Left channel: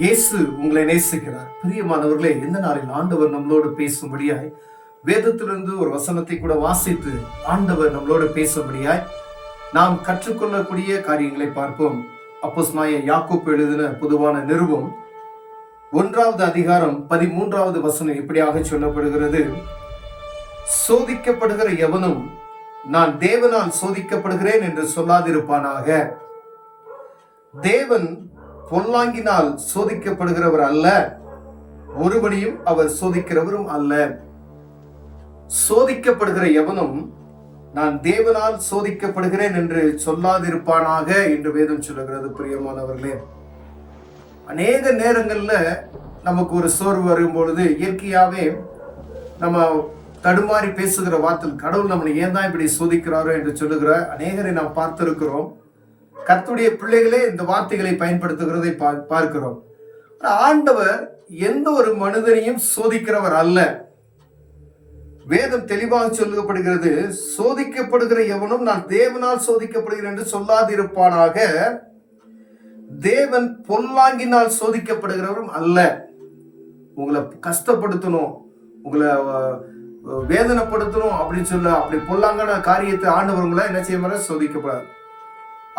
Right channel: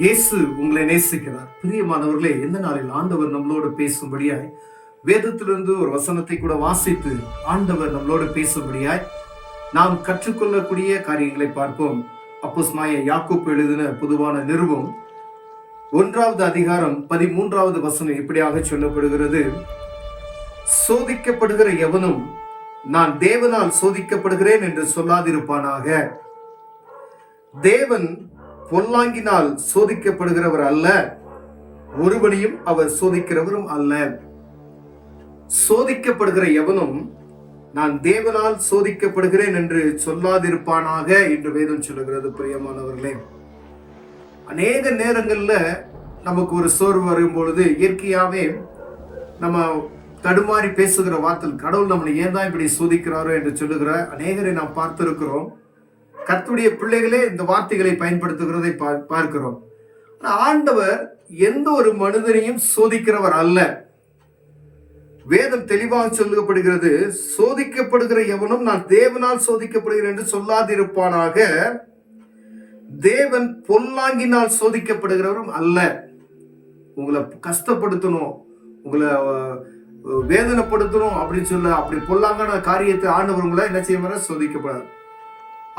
இயேசு உங்களை நேசிக்கிறார். பிரியமானவர்களே, இந்த நாளில் ஆண்டவர் நம்மளோடு பேசும்படியாய் வேதத்திலிருந்து ஒரு வசனத்தை கூட வாசித்து ஆண்டவர் நம்மளோடு பேசும்படியாய் நாம் கற்றுக்கொள்ளக்கூடிய காரியங்களை பார்ப்போம். அப்போஸ்தலனாகிய யாக்கோபு எழுதின பொதுவான நிருபம் 1வது அதிகாரம் 13வது வசனம் இப்படியாக சொல்லப்படுகிறது. சோதிக்கப்படுகிற எவனும் நான் தேவனால் சோதிக்கப்படுகிறேன் என்று சொல்லாதிருப்பானாக. தேவன் பொல்லாங்கினால் சோதிக்கப்படுகிறவர் அல்ல, ஒருவனையும் அவர் சோதிக்கிறவரும் அல்ல. சோதிக்கப்படுகிற எவனும் நான் தேவனால் சோதிக்கப்படுகிறேன் என்று சொல்லாதிருப்பானாக என்று வேதம் சொல்லுகிறது. பிரியமானவர்களே, அநேக நேரங்கள்ல நமக்கு ஒரு சோர்வு வரும் பொழுது இயற்கையாவே நம்ம தடுமாறி பேசுகிற வார்த்தை, கடவுள் நம்மளை ஏன் தான் இப்படி சோதிக்கிறாரோ என்று சொல்லுகிற அநேகரை நாம் பார்த்திருக்கிறோம். கர்த்தருடைய பிள்ளைகளே இந்த வார்த்தைகளை பயன்படுத்துகிறதை பார்க்கிறோம். ஆண்டவர் எந்த ஒரு மனிதனையும் சோதிக்கிறவர் அல்ல. வேதம் தெளிவாக சொல்லப்படுகிறது, சோதிக்கப்படுகிற எவனும் நான் தேவனால் சோதிக்கப்படுகிறேன் என்று சொல்லாதிருப்பானாக. தேவன் பொல்லாங்கினால் சோதிக்கப்படுகிறவரும் அல்ல. உங்களை கஷ்டப்படுத்தணும், உங்களை வேதனைப்படுத்தணும் அப்படின்னு சொல்ல அப்படி பொல்லாங்கான காரியத்தை ஆண்டவர் உங்களை என்ன செய்ய சோதிக்கப்படாது.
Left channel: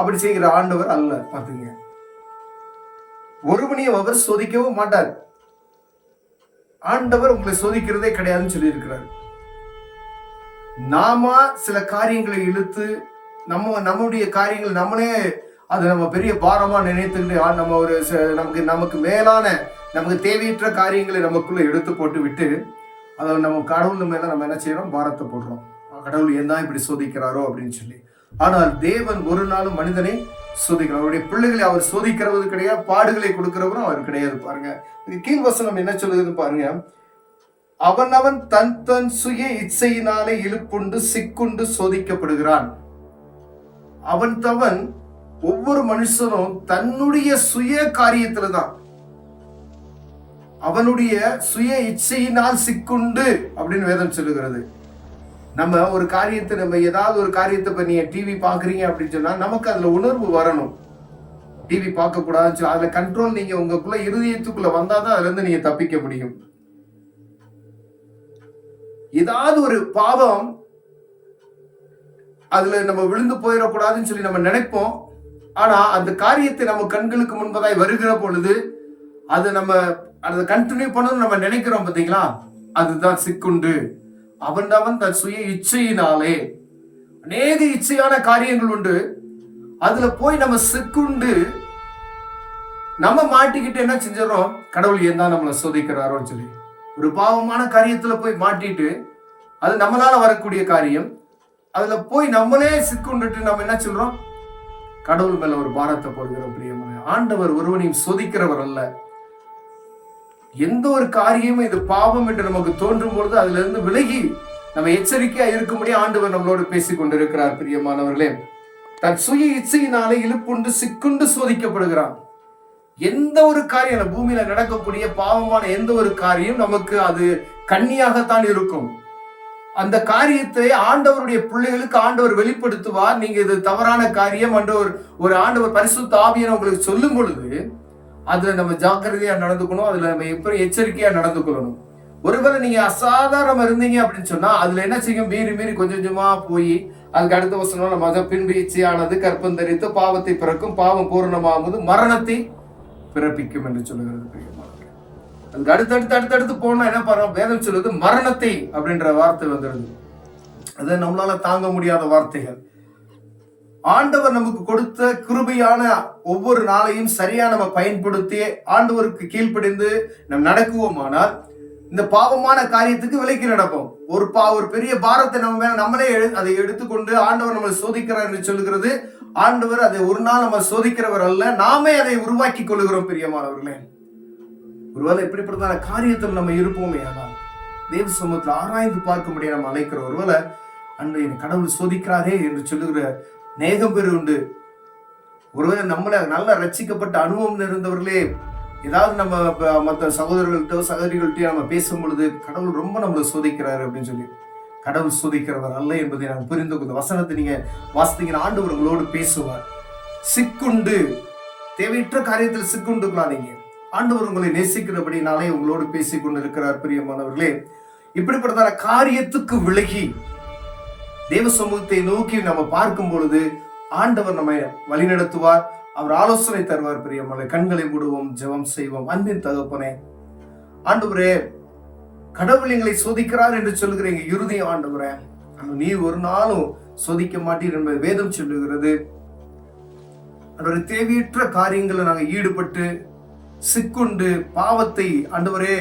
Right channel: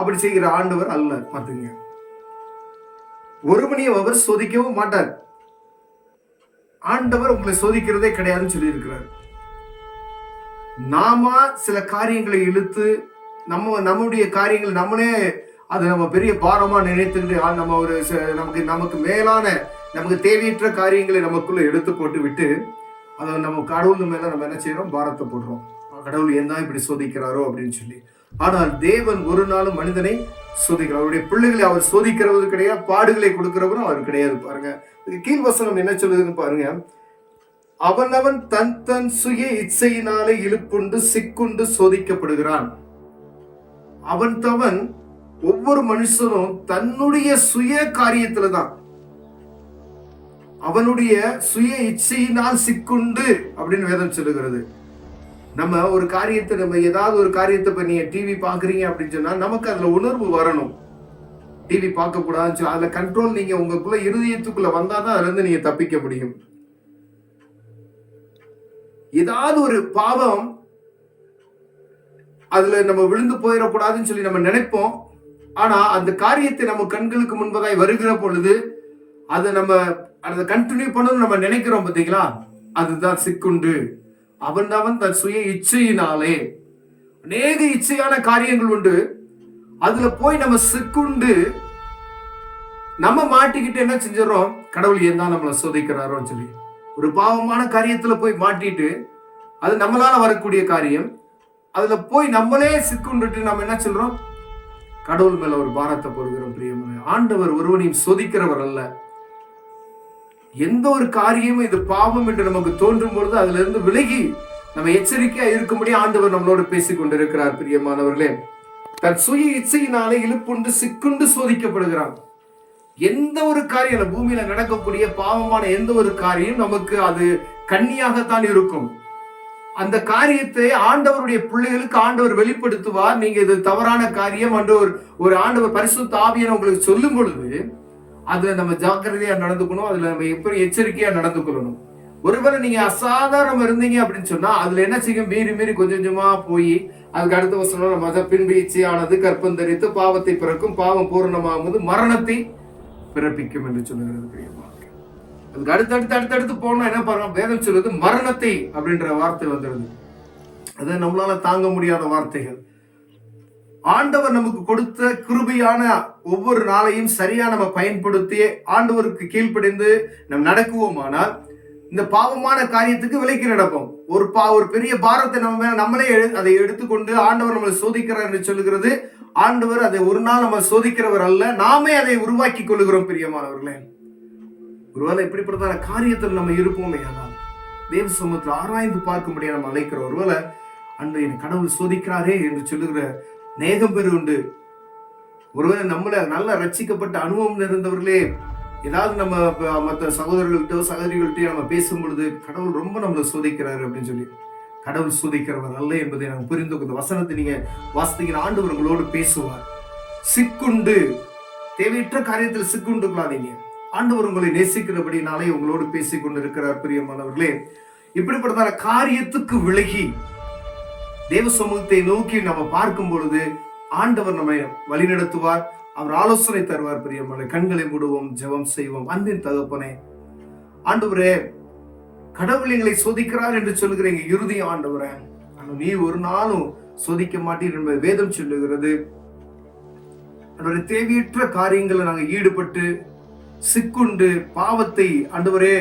அப்படி செய்கிற ஆண்டவர் அல்ல. பார்த்துங்க, ஒருவனையும் அவர் சோதிக்கவும் மாட்டார். ஆண்டவர் உங்களை சோதிக்கிறதே கிடையாதுன்னு சொல்லி இருக்கிறார். நாம சில காரியங்களை இழுத்து நம்முடைய காரியங்கள் நம்மளே அதை நம்ம பெரிய பாரமா நினைத்துட்டு நம்ம ஒரு நமக்கு மேலான நமக்கு தேவையற்ற காரியங்களை நமக்குள்ள எடுத்து போட்டு விட்டு அதை நம்ம கடவுள் மேல நம்ம என்ன செய்யறோம், பாரத்தை போடுறோம். கடவுள் ஏன் தான் இப்படி சோதிக்கிறாரோ அப்படின்னு சொல்லி. ஆனால் தேவன் ஒரு நாளும் மனிதனை சோதிக்கிறார். அவருடைய பிள்ளைகளை அவர் சோதிக்கிறவது கிடையாது, பாடுகளை கொடுக்கிறவரும் அவர் கிடையாது. பாருங்க, கீழ்வசனம் என்ன சொல்லுதுன்னு பாருங்க. அவனவன் தன் தன் சுய இச்சையினாலே இழுப்புண்டு சிக்குண்டு சோதிக்கப்படுகிறான். அவன் ஒவ்வொரு மனுஷனும் தன்னுடைய சுய காரியத்துல தான், அவனுடைய சுய இச்சையினால் சிக்குண்டு அப்படின்னு வேதம் சொல்லுகிறது. நம்ம ஒரு காரியத்தை நம்ம ஏதாவது ஒரு காரியத்தை இப்ப நீங்க டிவி பாக்குறீங்க அப்படின்னு சொன்னா நமக்கு அதுல உணர்வு வரணும். டிவி பார்க்க கூடாதுன்னு அதுல கண்ட்ரோல் நீங்க உங்களுக்குள்ள இருதயத்துக்குள்ள வந்தாதான் அதுல இருந்து நீங்க தப்பிக்க முடியும். ஏதாவது ஒரு பாவம் அதுல நம்ம விழுந்து போயிடக்கூடாதுன்னு சொல்லி நம்ம நினைப்போம். ஆனா அந்த காரியத்தை நம்ம கண்களுக்கு முன்பதாய் வருகிற பொழுது அது நம்ம அதை கண்டினியூ பண்ணணும் நம்ம நினைக்கிறோம். பார்த்தீங்களா, அதுதான் சிக்குண்டு. அவன் தன் சுய இச்சையினாலே அநேக இச்சையான காரியங்கள் உண்டு, அதுல போய் நம்ம சிக்குண்டு நம்ம மாட்டிக்கிட்டு என்ன செஞ்சிடறோம், கடவுள் ஏன் தான் நம்மளை சோதிக்கிறாரோன்னு சொல்லி ஒரு பாவமான காரியத்துல போய் மாட்டிட்டு அது நம்மளால வரக்கூடிய காரியம், அதுல போய் நம்மளே சிக்குண்டுட்டு நம்ம என்ன சொல்றோம், கடவுள் மேல ஒரு பாரத்தை போடுகிறோம். பிரியமான ஆண்டவர் ஒருவனையும் சோதிக்கிறவர் அல்ல. எந்த ஒரு காரியமும் இது பாவம் என்று நமக்கு தோன்றும் பொழுது அதுல இருந்து விலகி நம்ம எச்சரிக்கையா இருக்கும்படி ஆண்டவர் நம்மளோடு பேசிக் கொண்டிருக்கிறார். பிரியமானவர்களே, தன் சுய இச்சையினாலே இழுப்புண்டு சிக்குண்டு சோதிக்கப்படுகிறான். எந்த ஒரு காரியம் பூமியில நடக்கக்கூடிய பாவமான எந்த ஒரு காரியம் நமக்கு அது கண்ணியாகத்தான் இருக்கும். அந்த காரியத்தை ஆண்டவருடைய பிள்ளைகளுக்கு ஆண்டவர் வெளிப்படுத்துவார். நீங்க இது தவறான காரியம் என்று ஒரு ஆண்டவர் பரிசுத்த ஆவியான உங்களுக்கு சொல்லும் பொழுது அதுல நம்ம ஜாக்கிரதையா நடந்துக்கணும். அதுல நம்ம எப்படி எச்சரிக்கையா நடந்து கொள்ளணும். ஒருவேளை நீங்க அசாதாரணம் இருந்தீங்க அப்படின்னு சொன்னா அதுல என்ன செய்யும், மீறி கொஞ்சம் கொஞ்சமா போய் அதுக்கு அடுத்த வசனம் நம்ம பின்பு இச்சையானது கற்பம் தரித்து பாவத்தை பிறக்கும், பாவம் பூர்ணமாகும்போது மரணத்தை பிறப்பிக்கும் என்று சொல்லுகிறது. அதுக்கு அடுத்தடுத்து போனா என்ன பண்ணுவோம், வேதம் சொல்லுது மரணத்தை அப்படின்ற வார்த்தை வந்துடுது. அது நம்மளால தாங்க முடியாத வார்த்தைகள். ஆண்டவர் நமக்கு கொடுத்த கிருபையான ஒவ்வொரு நாளையும் சரியா நம்ம பயன்படுத்தி ஆண்டவருக்கு கீழ்ப்படிந்து நம்ம நடக்குவோமானால் இந்த பாவமான காரியத்துக்கு விலக்கி நடப்போம். ஒரு பெரிய பாரத்தை நம்மளே அதை எடுத்துக்கொண்டு ஆண்டவர் நம்மளை சோதிக்கிறார் என்று சொல்லுகிறது. ஆண்டவர் அதை ஒரு நாள் நம்ம சோதிக்கிறவர் அல்ல, நாமே அதை உருவாக்கி கொள்ளுகிறோம். பிரியமானவர்களே, ஒருவேளை இப்படிப்பட்டதான காரியத்தில் நம்ம இருப்போமே, ஆனால் தேவ சமூகத்தில் ஆராய்ந்து பார்க்க முடியாது நம்ம அழைக்கிறோம். ஒருவேளை அன்று என் கடவுள் சோதிக்கிறாரே என்று சொல்லுகிற நேகம் பேர் உண்டு. ஒருவேளை நம்மள நல்ல ரட்சிக்கப்பட்ட அனுபவம் இருந்தவர்களே ஏதாவது நம்ம மற்ற சகோதரர்கள்ட்டோ சகோதரிகள்கிட்டயோ நம்ம பேசும் பொழுது கடவுள் ரொம்ப நம்மளை சோதிக்கிறாரு அப்படின்னு சொல்லி, கடவுள் சோதிக்கிறவர் அல்ல என்பதை நம்ம புரிந்து கொள்ள வசனத்தை நீங்க வாசித்தீங்கன்னா ஆண்டவர் உங்களோடு பேசுவார். சிக்குண்டு தேவையற்ற காரியத்தில் சிக்குண்டுக்காதீங்க. ஆண்டவர் உங்களை நேசிக்கிறபடினாலே உங்களோடு பேசிக் கொண்டிருக்கிறார். பிரியமானவர்களே, இப்படிப்பட்டதான காரியத்துக்கு விலகி தேவ சமூகத்தை நோக்கி நம்ம பார்க்கும் பொழுது ஆண்டவர் நம்மை வழிநடத்துவார், அவர் ஆலோசனை தருவார். பிரியமானவர்களே, கண்களை மூடுவோம், ஜெபம் செய்வோம். அன்பின் தகப்பனே, ஆண்டவரே, கடவுள் எங்களை சோதிக்கிறார் என்று சொல்கிறீங்க. இறுதி ஆண்டவரே, நீ ஒரு நாளும் சோதிக்க மாட்டீர் என்பது வேதம் சொல்லுகிறது. ஆண்டவரே, தேவையற்ற காரியங்களை நாங்கள் ஈடுபட்டு சிக்குண்டு பாவத்தை ஆண்டவரே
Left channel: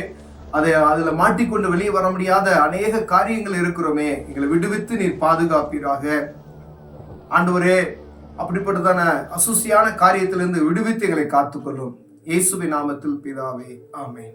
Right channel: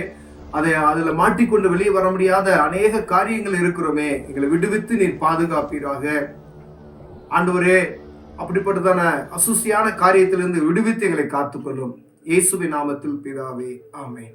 அதுல மாட்டிக்கொண்டு வெளியே வர முடியாத அநேக காரியங்கள் இருக்கிறோமே, எங்களை விடுவித்து நீர் பாதுகாப்பீராக. ஆண்டவரே, அப்படிப்பட்டதான அசுசியான காரியத்திலிருந்து விடுவித்து எங்களை காத்துக்கொள்ளும். இயேசுவின் நாமத்தில் பிதாவே, ஆமென்.